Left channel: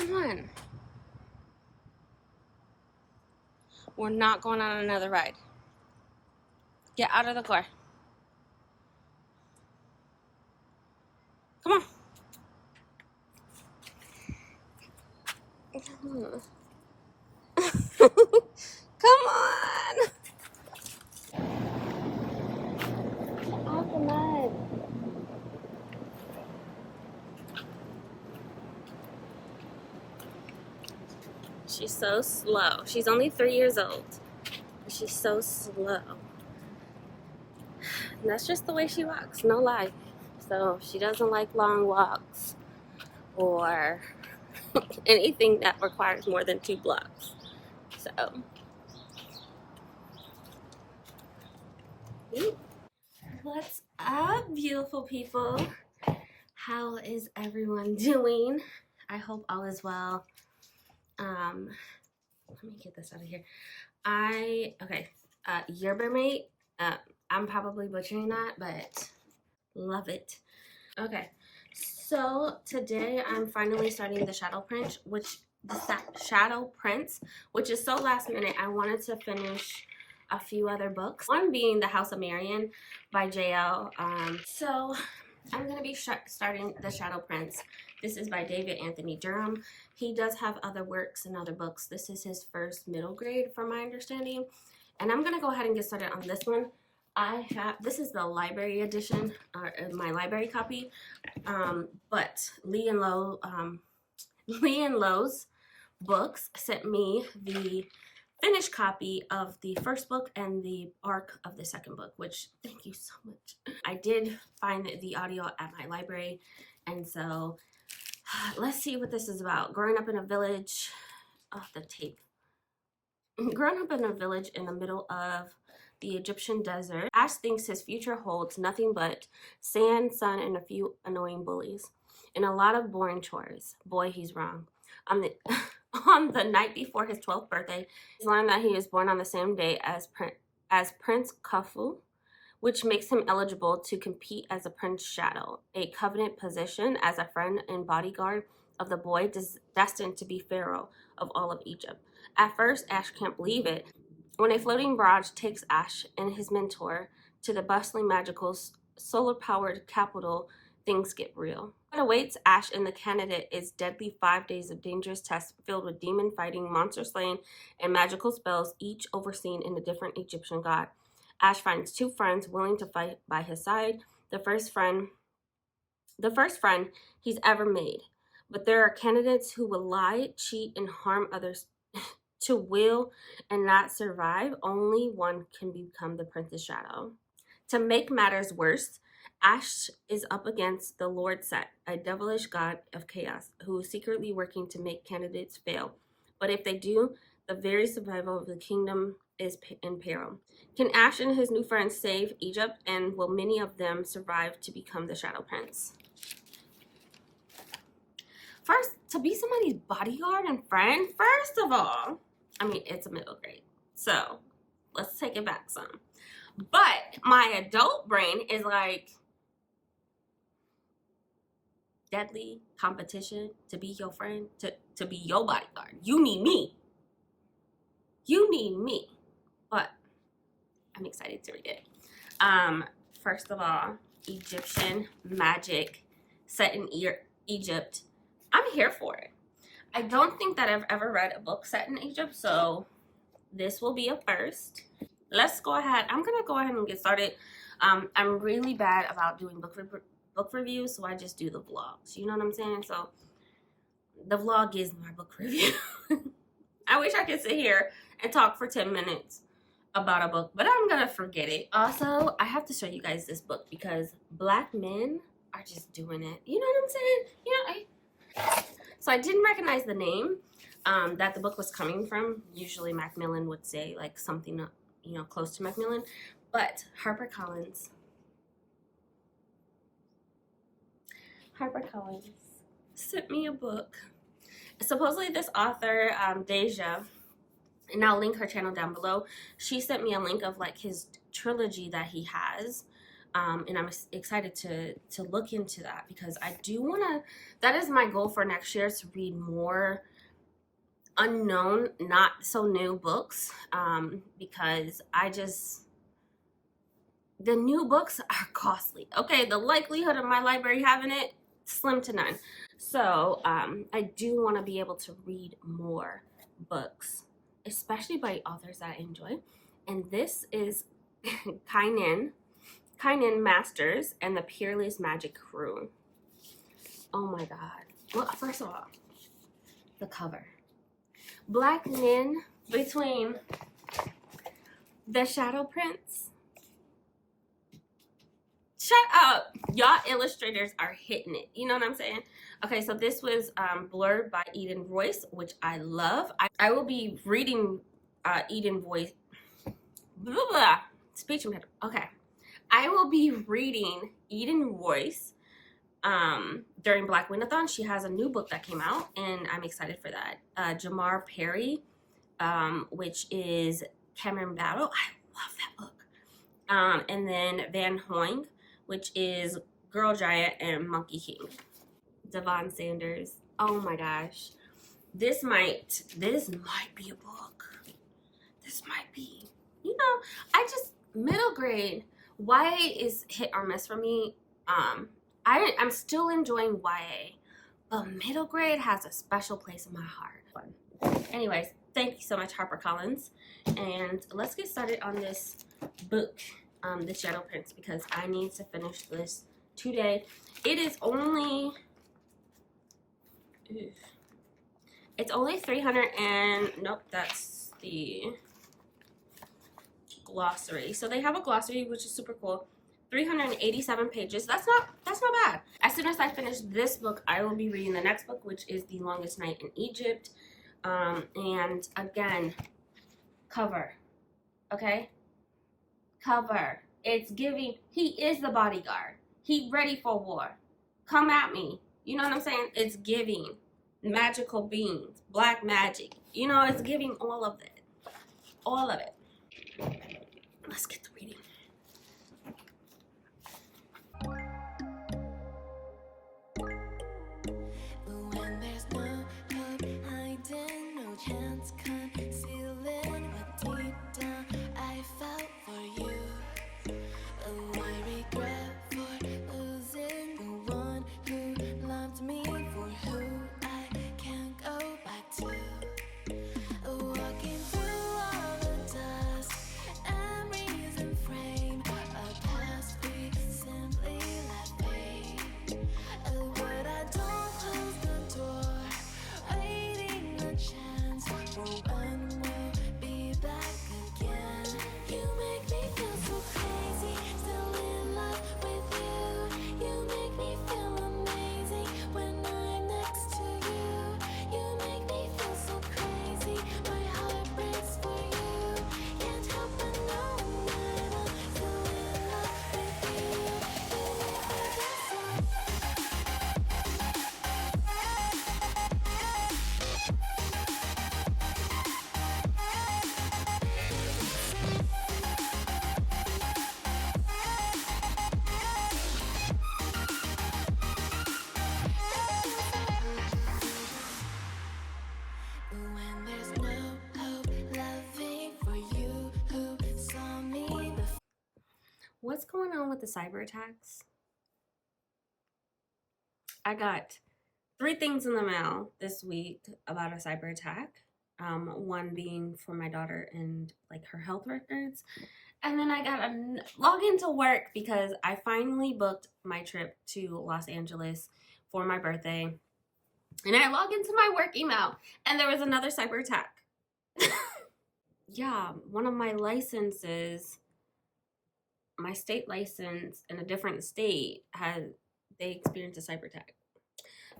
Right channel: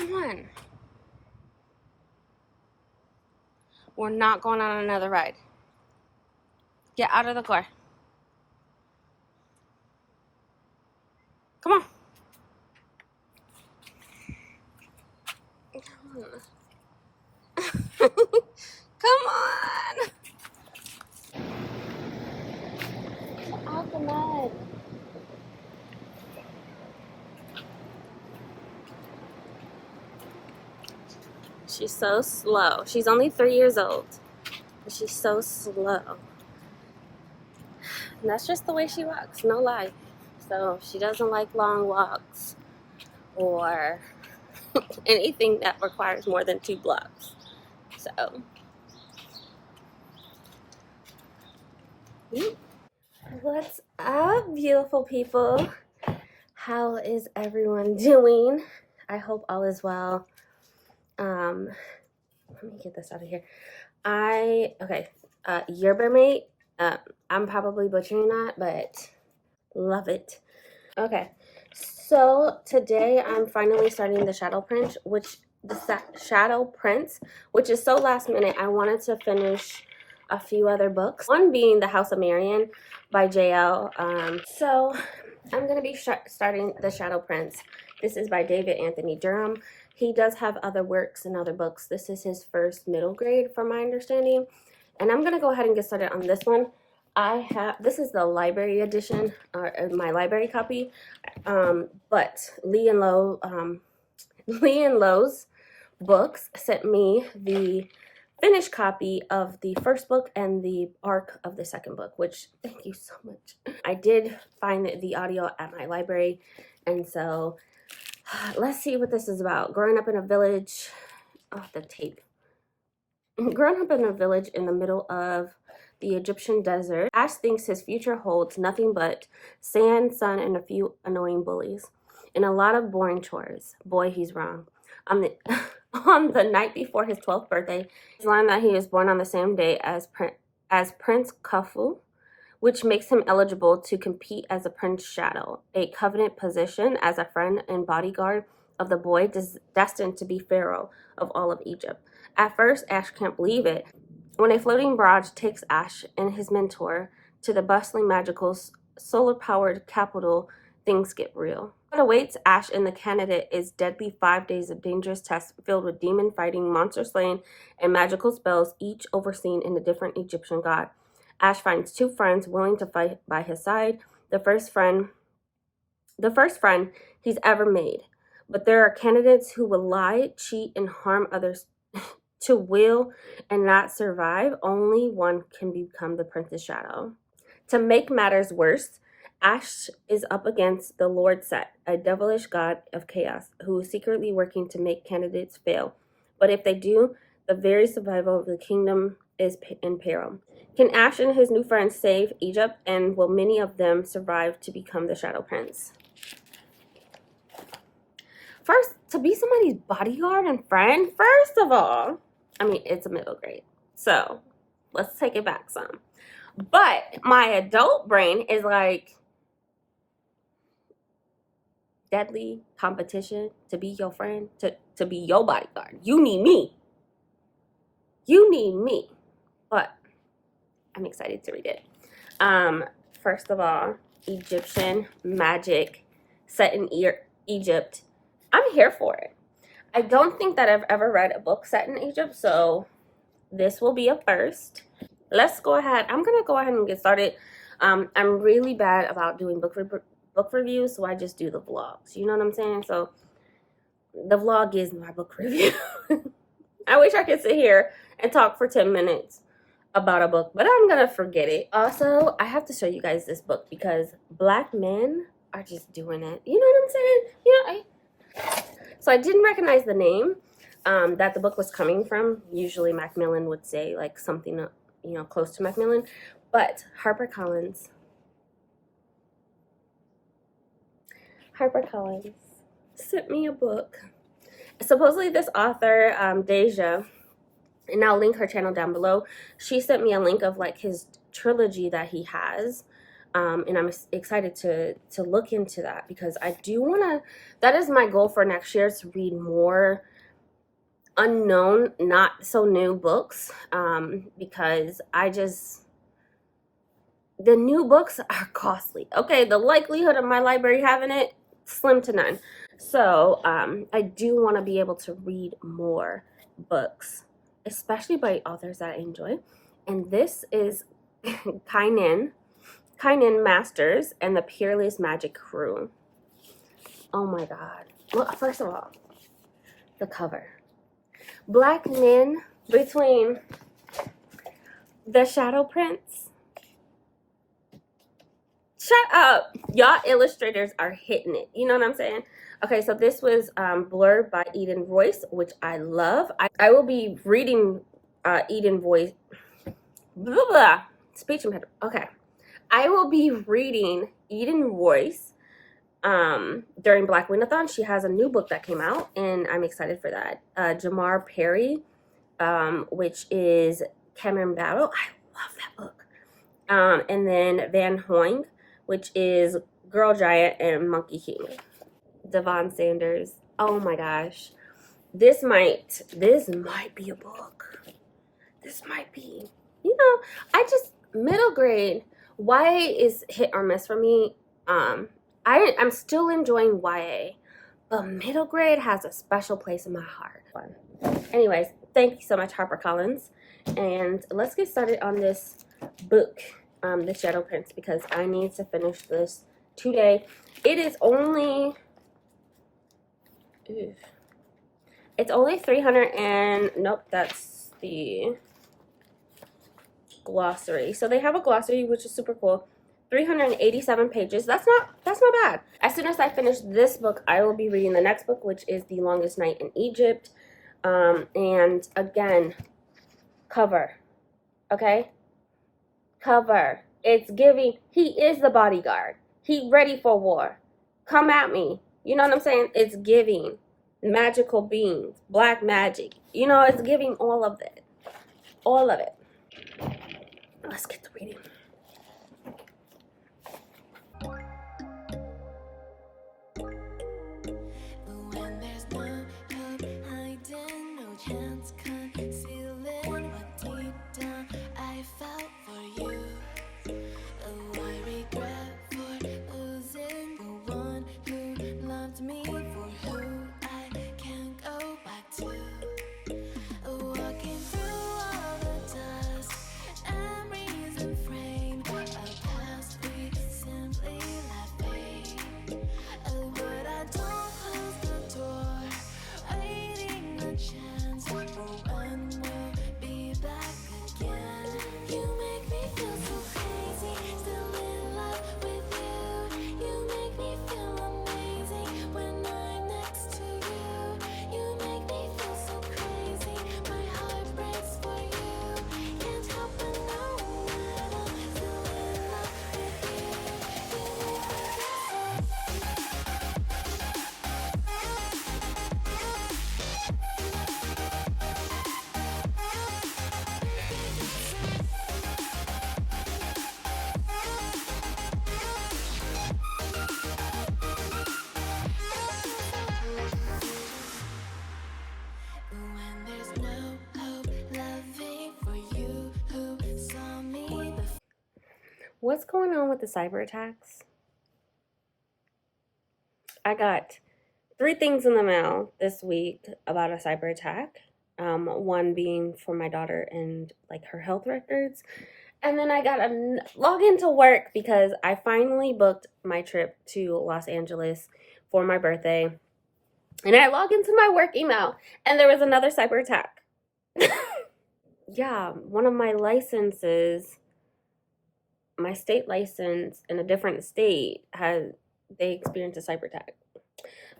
Come on. We're not going on another ride. Get out of the car. Come on. Come on. Get out the mud. She's so slow. She's only 3 years old. But she's so slow. And that's just the way she walks, no lie. So she doesn't like long walks or anything that requires more than 2 blocks. So, what's up, beautiful people? How is everyone doing? I hope all is well. Let me get this out of here. Yerba mate. I'm probably butchering that, but love it. Okay, so today I'm finally starting the Shadow Prince, which is so last minute. I wanted to finish a few other books. One being The House of Marion by JL. So I'm gonna be starting the Shadow Prince. This is by David Anthony Durham. He does have other works and other books. This is his first middle grade, from my understanding. And I'm gonna go ahead and get started on this one. This is the library edition, my library copy. But Lee and Lowe's Books sent me the finished copy of the first book and the arc of the second book, which thank you so much. I did find the audio at my library, and so let's see what this is about. Growing up in a village, growing up in a village in the middle of the Egyptian desert, Ash thinks his future holds nothing but sand, sun, and a few annoying bullies, and a lot of boring chores. Boy, he's wrong. On the night before his 12th birthday, he's learned that he is born on the same day as Prince Khufu, which makes him eligible to compete as a Prince Shadow, a covenant position as a friend and bodyguard of the boy destined to be pharaoh of all of Egypt. At first, Ash can't believe it. When a floating barge takes Ash and his mentor to the bustling, magical, solar-powered capital, things get real. What awaits Ash and the candidate is deadly 5 days of dangerous tests filled with demon fighting, monster slaying, and magical spells, each overseen in a different Egyptian god. Ash finds 2 friends willing to fight by his side. The first friend he's ever made. But there are candidates who will lie, cheat, and harm others to will and not survive. Only one can become the Prince's Shadow. To make matters worse, Ash is up against the Lord Set, a devilish god of chaos, who is secretly working to make candidates fail. But if they do, the very survival of the kingdom is in peril. Can Ash and his new friends save Egypt, and will many of them survive to become the Shadow Prince? First, to be somebody's bodyguard and friend, first of all, I mean, it's a middle grade, so let's take it back some. But my adult brain is like, deadly competition to be your friend, to be your bodyguard. You need me. You need me. But I'm excited to read it. First of all, Egyptian magic set in Egypt. I'm here for it. I don't think that I've ever read a book set in Egypt, so this will be a first. Let's go ahead. I'm gonna go ahead and get started. I'm really bad about doing book reviews, so I just do the vlogs. You know what I'm saying? So the vlog is my book review. I wish I could sit here and talk for 10 minutes about a book, but I'm gonna forget it. Also, I have to show you guys this book because Black men are just doing it. You know what I'm saying? You know, so I didn't recognize the name that the book was coming from. Usually Macmillan would say like something, you know, close to Macmillan, but HarperCollins sent me a book. Supposedly this author, Deja, and I'll link her channel down below, she sent me a link of like his trilogy that he has. And I'm excited to look into that because I do want to. That is my goal for next year, to read more unknown, not so new books, because the new books are costly. Okay, the likelihood of my library having it, slim to none. So I do want to be able to read more books, especially by authors that I enjoy. And this is Kainin Masters and the Peerless Magic Crew. Oh my god. Well, first of all, the cover. Black Nin between the Shadow Prince. Shut up. Y'all illustrators are hitting it. You know what I'm saying? Okay, so this was blurred by Eden Royce, which I love. I will be reading Eden Royce. Blah, blah. Speech impediment. Okay. I will be reading Eden Royce during Black Winathon. She has a new book that came out, and I'm excited for that. Jamar Perry, which is Cameron Battle. I love that book. And then Van Hoing, which is Girl Giant and Monkey King. Devon Sanders. Oh my gosh. This might be a book. This might be. You know, middle grade, YA is hit or miss for me. I'm still enjoying YA, but middle grade has a special place in my heart. Anyways, thank you so much, HarperCollins. And let's get started on this book, The Shadow Prince, because I need to finish this today. It is only... It's only 300 and... Nope, that's the glossary. So they have a glossary, which is super cool. 387 pages. That's not bad. As soon as I finish this book, I will be reading the next book, which is The Longest Night in Egypt. And again, cover. Okay? Cover. It's giving, he is the bodyguard. He ready for war. Come at me. You know what I'm saying? It's giving magical beings, black magic. You know, it's giving all of it. All of it. Let's get to reading. When there's no hope hiding, no chance concealing what deep down I felt for you. Oh, I regret for losing the one who loved me, for who I can't go back to. Walking through all the dust and reason frame a past we simply let fade. Oh, but I don't close the door, waiting a chance for when we'll be back again. You make me feel so crazy, still in love with you. You make me feel amazing when I'm next to you. You make me feel so crazy, my heart breaks for you. Can't help but know that I'm still in love with you. You make me feel so. When there's no hope, loving for you who saw me before. What's going on with the cyber attacks? I got 3 things in the mail this week about a cyber attack. One being for my daughter and like her health records. And then I got a log into work because I finally booked my trip to Los Angeles for my birthday. And I logged into my work email and there was another cyber attack. Yeah, one of my licenses, my state license in a different state, they experienced a cyber attack.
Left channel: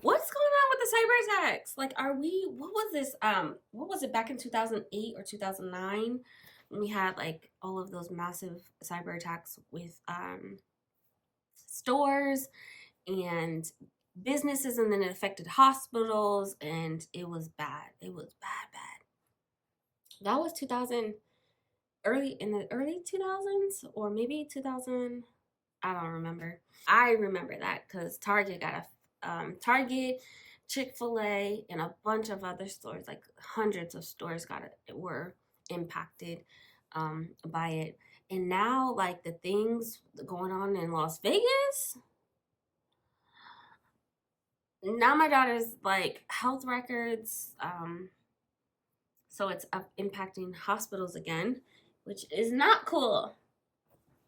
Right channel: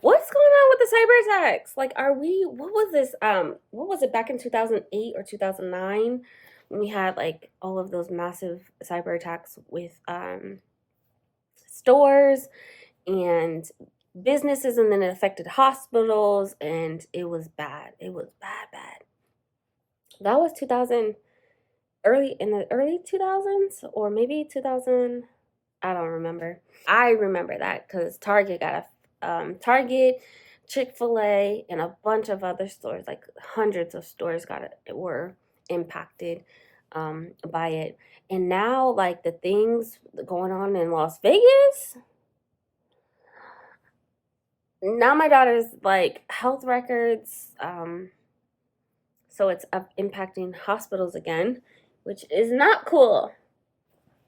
What's going on with the cyber attacks? Like, what was this, what was it, back in 2008 or 2009 when we had like all of those massive cyber attacks with stores and businesses, and then it affected hospitals, and it was bad. It was bad. That was in the early 2000s, or maybe 2000. I don't remember. I remember that because Target got a Target, Chick-fil-A, and a bunch of other stores, like hundreds of stores were impacted by it. And now, like, the things going on in Las Vegas, now my daughter's like health records, so it's impacting hospitals again, which is not cool.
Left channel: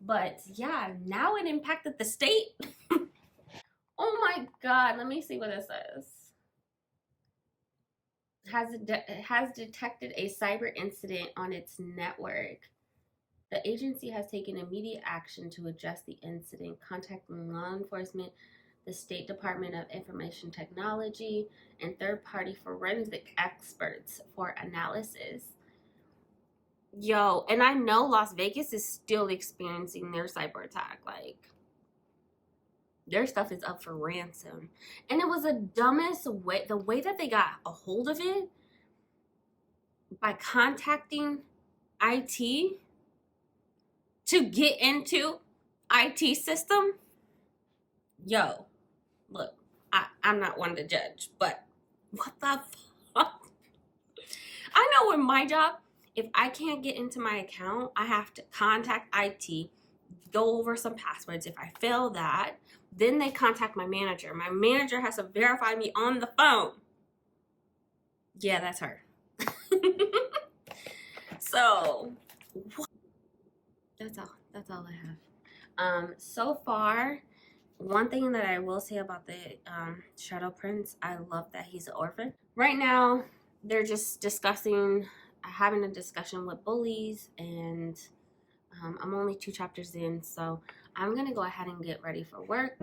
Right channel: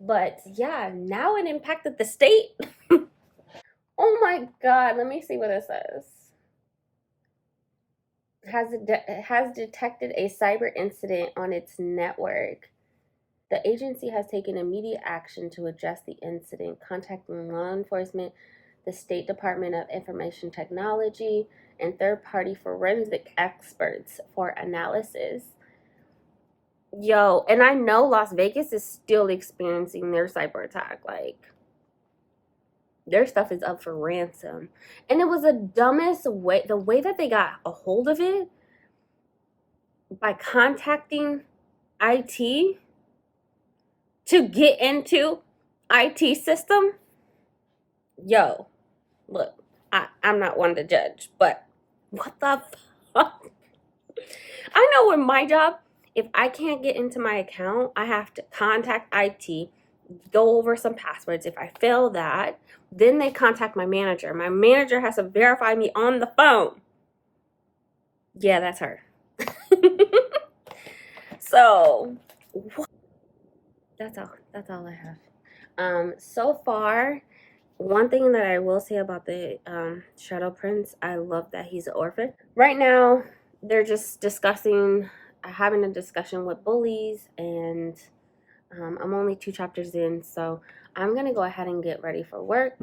But yeah, now it impacted the state. Oh my god, let me see what it says. Has detected a cyber incident on its network. The agency has taken immediate action to address the incident, contacting law enforcement, the State Department of Information Technology, and third-party forensic experts for analysis. Yo, and I know Las Vegas is still experiencing their cyber attack. Like, their stuff is up for ransom. And it was the dumbest way, the way that they got a hold of it, by contacting IT to get into IT system. Yo, look, I'm not one to judge, but what the fuck? I know with my job, if I can't get into my account, I have to contact IT, go over some passwords. If I fail that, then they contact my manager. My manager has to verify me on the phone. Yeah, that's her. So, that's all I have. So far, one thing that I will say about the Shadow Prince, I love that he's an orphan. Right now, they're just having a discussion with bullies, and I'm only 2 chapters in, so I'm gonna go ahead and get ready for work.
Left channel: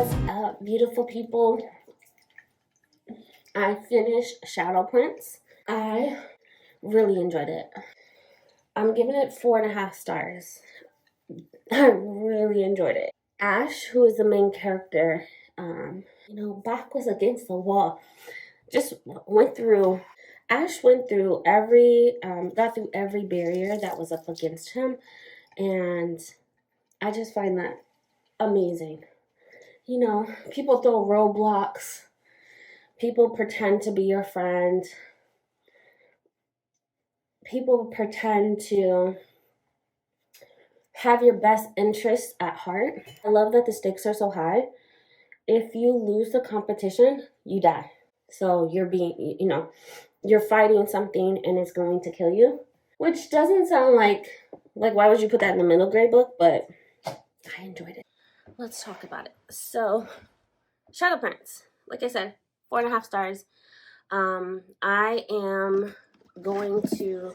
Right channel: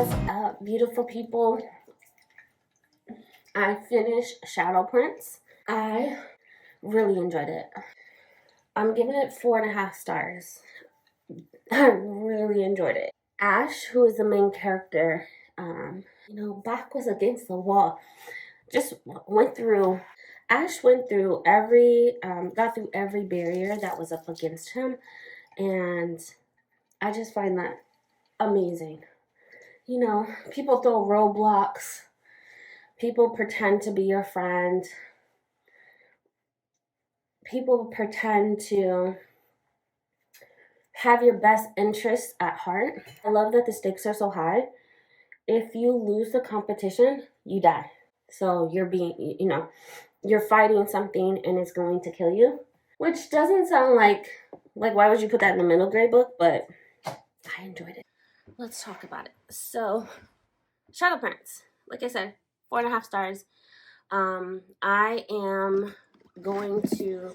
What's up, beautiful people? I finished Shadow Prince. I really enjoyed it. I'm giving it 4.5 stars. I really enjoyed it. Ash, who is the main character, back was against the wall. Just went through. Ash went through got through every barrier that was up against him, And I just find that amazing. You know, people throw roadblocks. People pretend to be your friend. People pretend to have your best interests at heart. I love that the stakes are so high. If you lose the competition, you die. So you're being, you're fighting something and it's going to kill you. Which doesn't sound like why would you put that in the middle grade book? But I enjoyed it. Let's talk about it. So, Shadow Prince, like I said, 4.5 stars. I am going to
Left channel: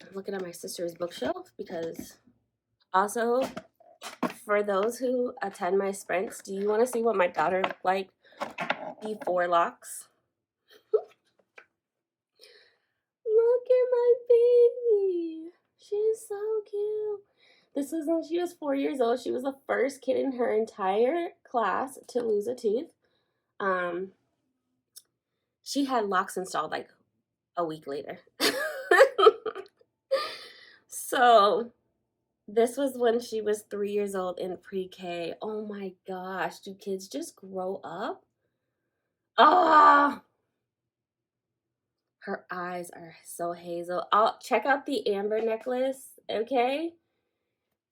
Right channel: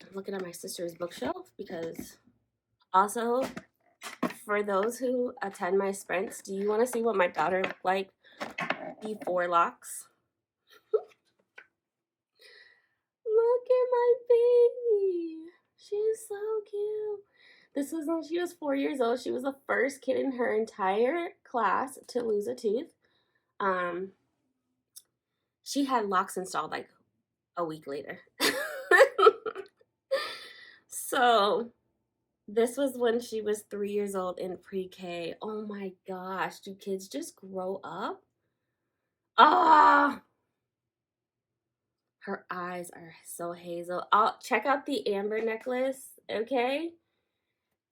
I'm looking at my sister's bookshelf because also for those who attend my sprints, do you want to see what my daughter looked like before locks? Look at my baby. She's so cute. This was when she was 4 years old. She was the first kid in her entire class to lose a tooth. She had locks installed like a week later. So this was when she was 3 years old in pre-K. Oh my gosh, do kids just grow up? Ah, her eyes are so hazel. I'll check out the amber necklace, okay?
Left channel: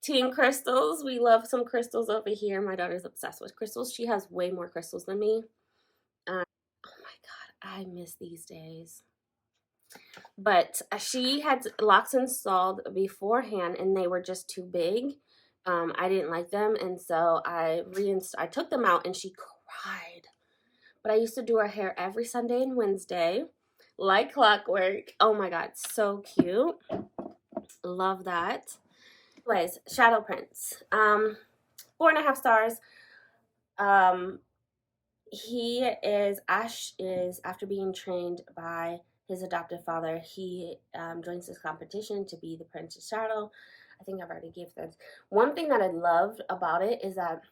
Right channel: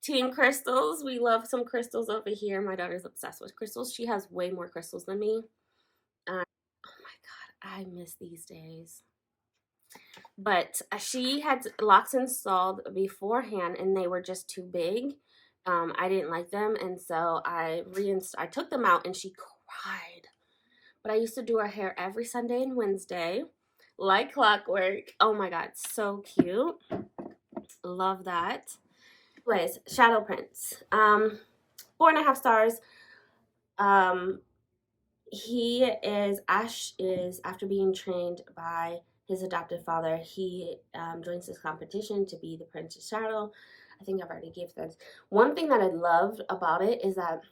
Team crystals. We love some crystals over here. My daughter's obsessed with crystals. She has way more crystals than me. Oh my God, I miss these days. But she had locks installed beforehand and they were just too big. I didn't like them, and so I took them out and she cried. But I used to do her hair every Sunday and Wednesday, like clockwork. Oh my God, so cute. Love that. Anyways, Shadow Prince. 4.5 stars. Ash is, after being trained by his adoptive father, he joins this competition to be the Prince's Shadow. I think I've already gave this. One thing that I loved about it is that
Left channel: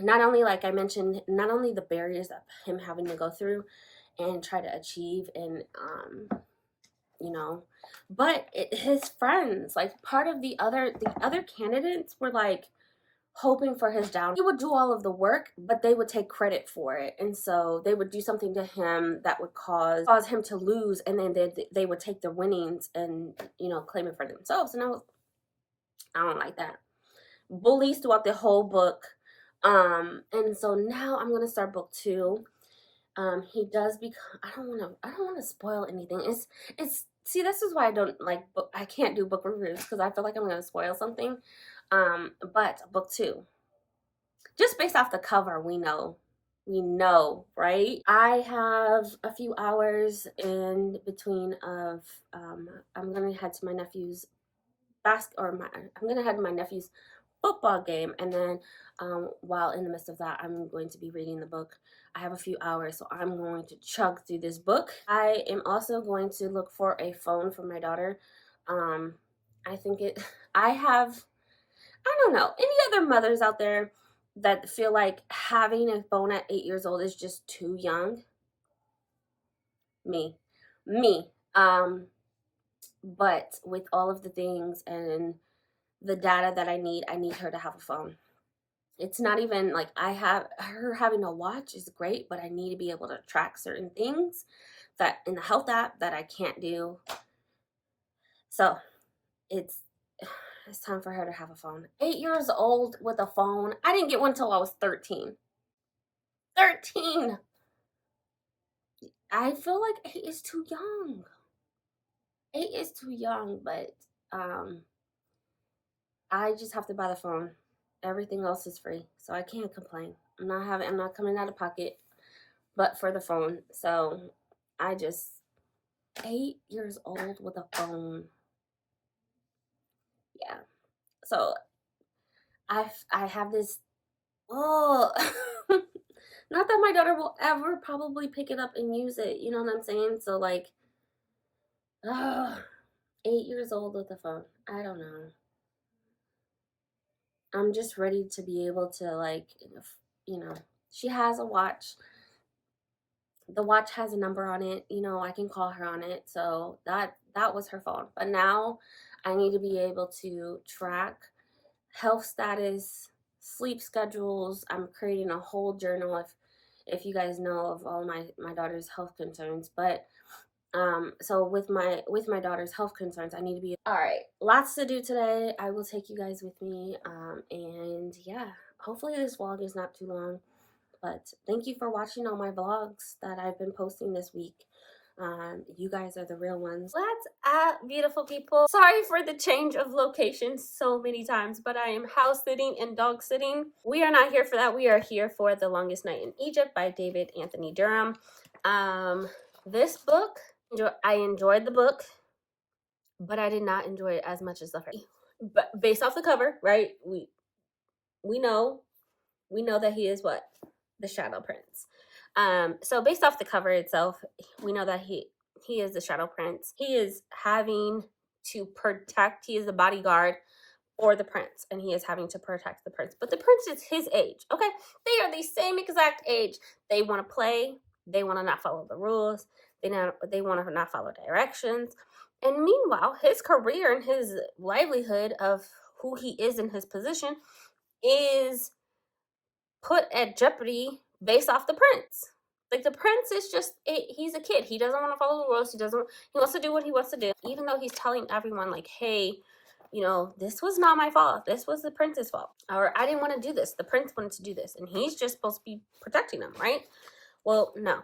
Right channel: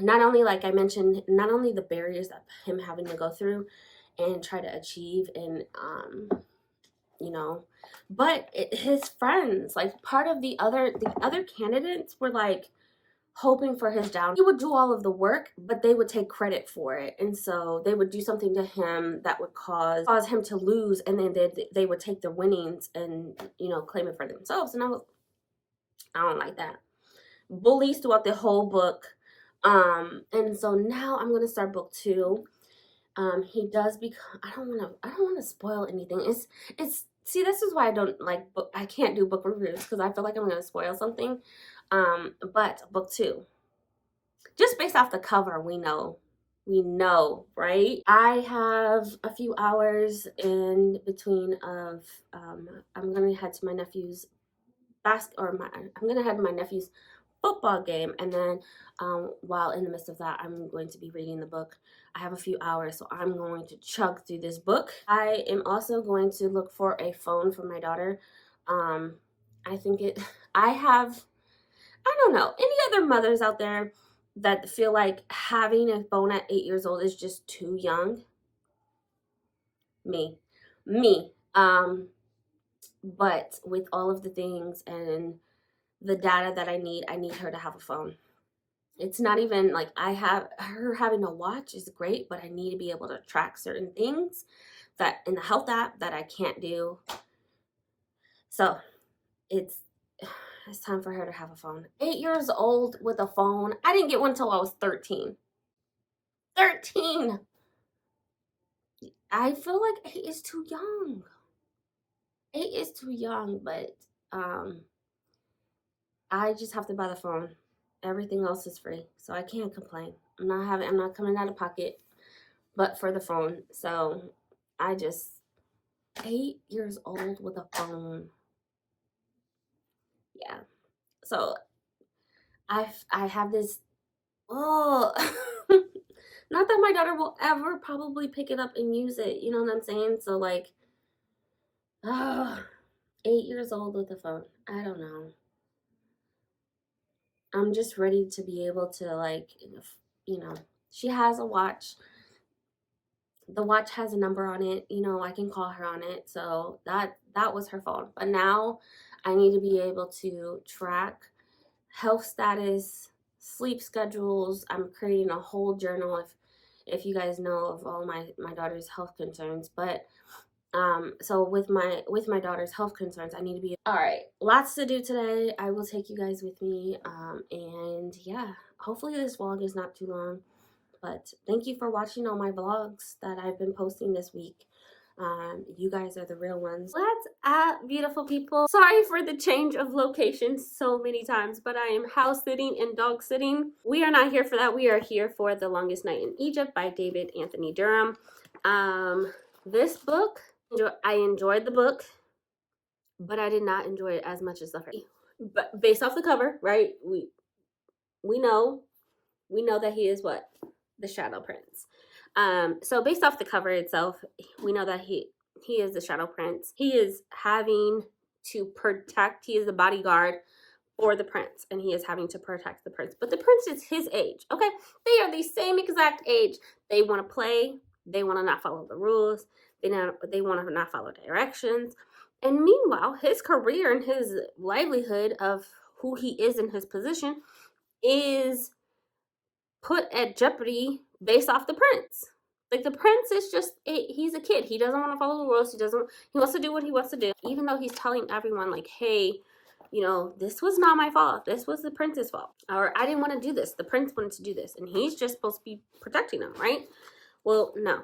not only, like I mentioned, not only the barriers that him having to go through and try to achieve and, but his friends, like part of the other candidates were like, hoping for his down. He would do all of the work, but they would take credit for it. And so they would do something to him that would cause him to lose, and then they would take the winnings and, claim it for themselves. And I don't like that. Bullies throughout the whole book. And so now I'm going to start book 2. He does become, I don't want to spoil anything. See, this is why I don't like I can't do book reviews, because I feel like I'm going to spoil something. But book 2, just based off the cover, we know, right? I have a few hours in between of, I'm gonna head to my nephew's I'm gonna head to my nephew's football game, and then while in the midst of that, I'm going to be reading the book. I have a few hours, so I'm going to chug through this book. I am also going to look for a phone for my daughter. I think I don't know, any other mothers out there that feel like having a phone at 8 years old is just too young? Me. But with all of the things and the data that I need her to have a phone. It's not even like her having a watch is great, but I need to be able to track certain things that in the health app that I can't do. So it's time for her to have a phone. 8 years old with a phone. I didn't get one until I was 13. 13. I feel like 8 is too young. 8 is too young, but I just have to buy the phone. Everything else is free, so I can't complain. I'm not coming out of pocket, but for the phone. So I just 8 years old with a phone. Yeah. So I have this. Oh, not that my daughter will ever probably pick it up and use it. You know what I'm saying? So like, 8 years old with a phone. I don't know. I'm just ready to be able to, like, she has a watch. The watch has a number on it. You know, I can call her on it. So that was her phone. But now I need to be able to track health status, sleep schedules. I'm creating a whole journal if you guys know of all my daughter's health concerns. But so with my daughter's health concerns, I need to be all right. Lots to do today. I will take you guys with me. And yeah, hopefully this vlog is not too long. But thank you for watching all my vlogs that I've been posting this week. You guys are the real ones. What's up, beautiful people? Sorry for the change of location so many times, but I am house sitting and dog sitting. We are not here for that. We are here for The Longest Night in Egypt by David Anthony Durham. This book, I enjoyed the book, but I did not enjoy it as much as the first. But based off the cover, right? We know that he is what? The Shadow Prince. So based off the cover itself, we know that he is the Shadow Prince. He is having to protect, he is the bodyguard for the prince, and he is having to protect the prince. But the prince is his age, okay? They are the same exact age. They want to play. They want to not follow the rules. They want to not follow directions. And meanwhile, his career and his livelihood of who he is in his position is put at jeopardy based off the prince. Like, the prince is just, he's a kid. He doesn't want to follow the rules. He wants to do what he wants to do. Even though he's telling everyone, like, hey, you know, this was not my fault. This was the prince's fault. Or I didn't want to do this. The prince wanted to do this. And he's just supposed to be protecting him, right? Well, no.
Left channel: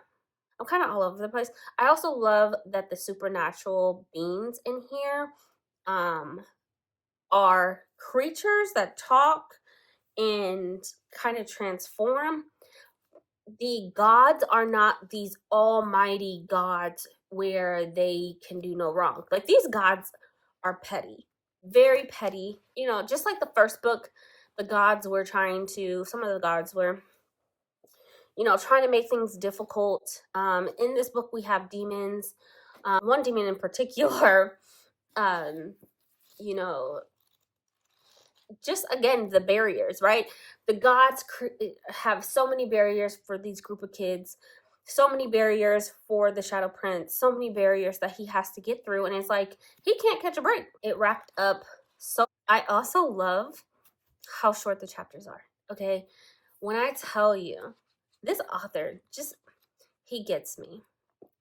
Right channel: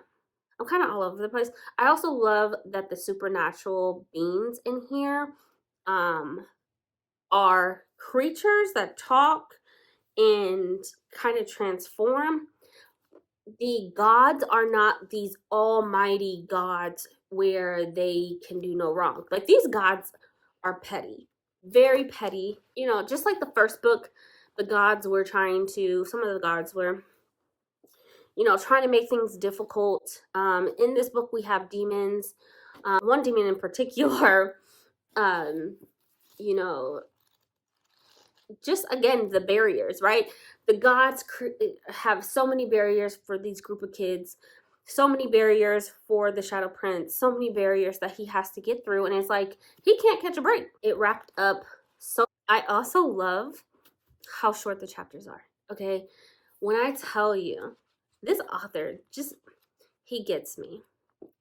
I'm kind of all over the place. I also love that the supernatural beings in here are creatures that talk and kind of transform. The gods are not these almighty gods where they can do no wrong. Like, these gods are petty, very petty. You know, just like the first book, some of the gods were, you know, trying to make things difficult. In this book, we have demons. One demon in particular, you know, just again, the barriers, right? The gods have so many barriers for these group of kids, so many barriers for the Shadow Prince, so many barriers that he has to get through, and it's like he can't catch a break. It wrapped up so. I also love how short the chapters are. Okay, when I tell you, this author just, he gets me.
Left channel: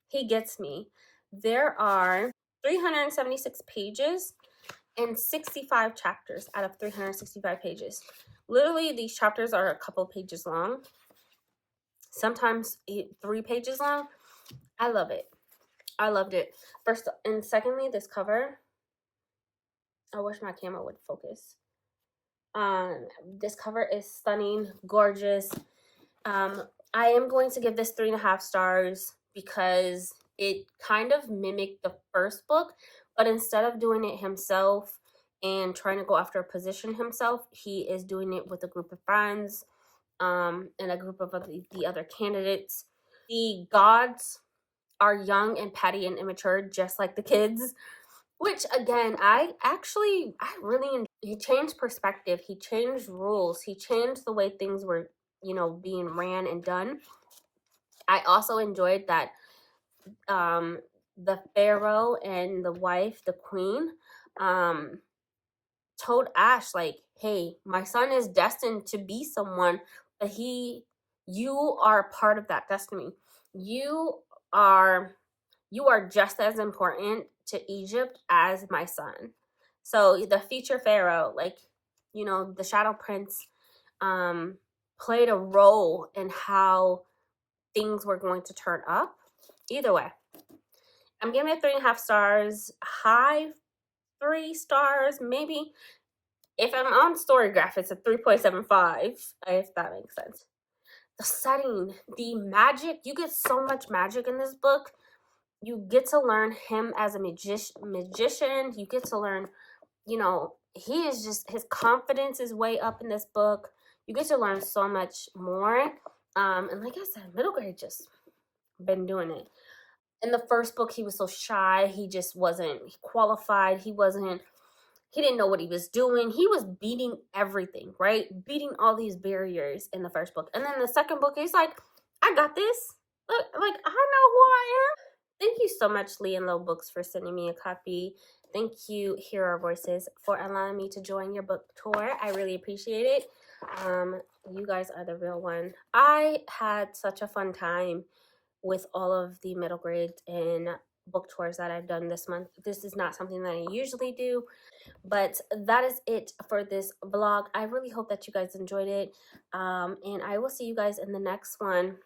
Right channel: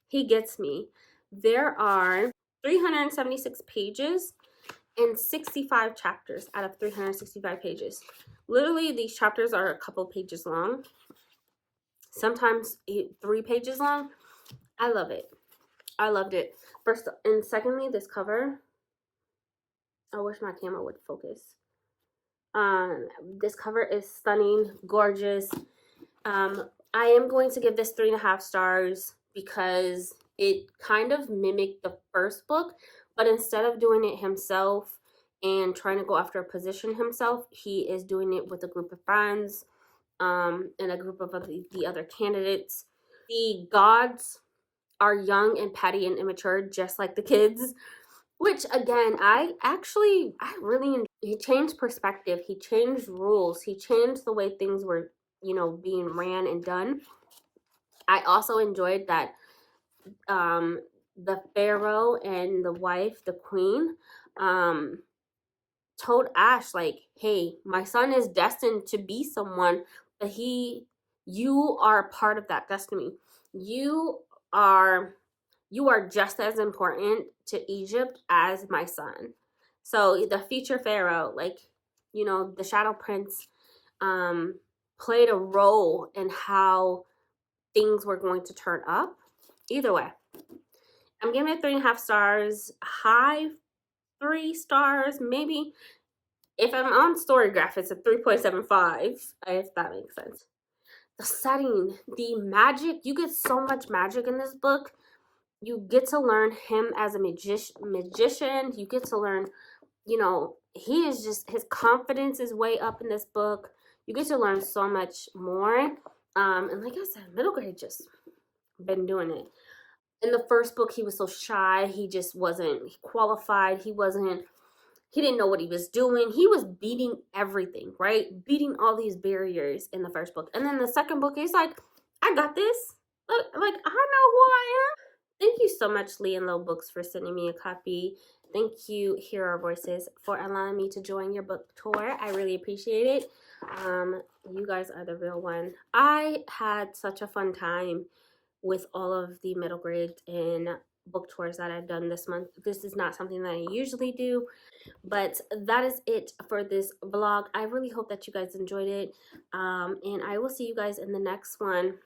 He gets me. There are 376 pages and 65 chapters out of 365 pages. Literally, these chapters are a couple pages long, sometimes 3 pages long. I love it. I loved it. First and secondly, this cover, I wish my camera would focus. This cover is stunning, gorgeous. I am going to give this 3.5 stars because it kind of mimicked the first book, but instead of doing it himself and trying to go after a position himself, he is doing it with a group of friends, and a group of the other candidates. The gods are young and petty and immature, just like the kids, which again, I really enjoyed. He changed perspective. He changed rules. He changed the way things were, you know, being ran and done. I also enjoyed that the pharaoh and the wife, the queen, told Ash, like, hey, my son is destined to be someone, but you are part of that destiny. You are just as important to Egypt as my son. So the future pharaoh, like, you know, the Shadow Prince played a role in how things were going to turn up. Either way, I'm giving it 3.5 stars. High 3 stars, maybe. If I'm on Storygraph, it's a 3.75, if that makes sense. The setting, the magic, you get so much magic in this book. You get to learn him as a magician. You get to learn, you know, he is just, his confidence is way up in this book. You get to learn so much more. And like I said, middle grade just been doing it. In the first book, he was so shy. He just wasn't qualified. He didn't know what he was doing. He was beating everything, right? Beating all these barriers in the first book. And then the second book, he's like, I got this. Like I know who I am. Thank you so much, Lee and Low Books, for sending me a copy. Thank you, Hear Our Voices, for allowing me to join your book tour. I really appreciate it. You guys are the real one. I had such a fun time with all of the middle grade and book tours that I've done this month. This is not something that I usually do, but that is it for this vlog. I really hope that you guys enjoyed it, and I will see you guys in the next one.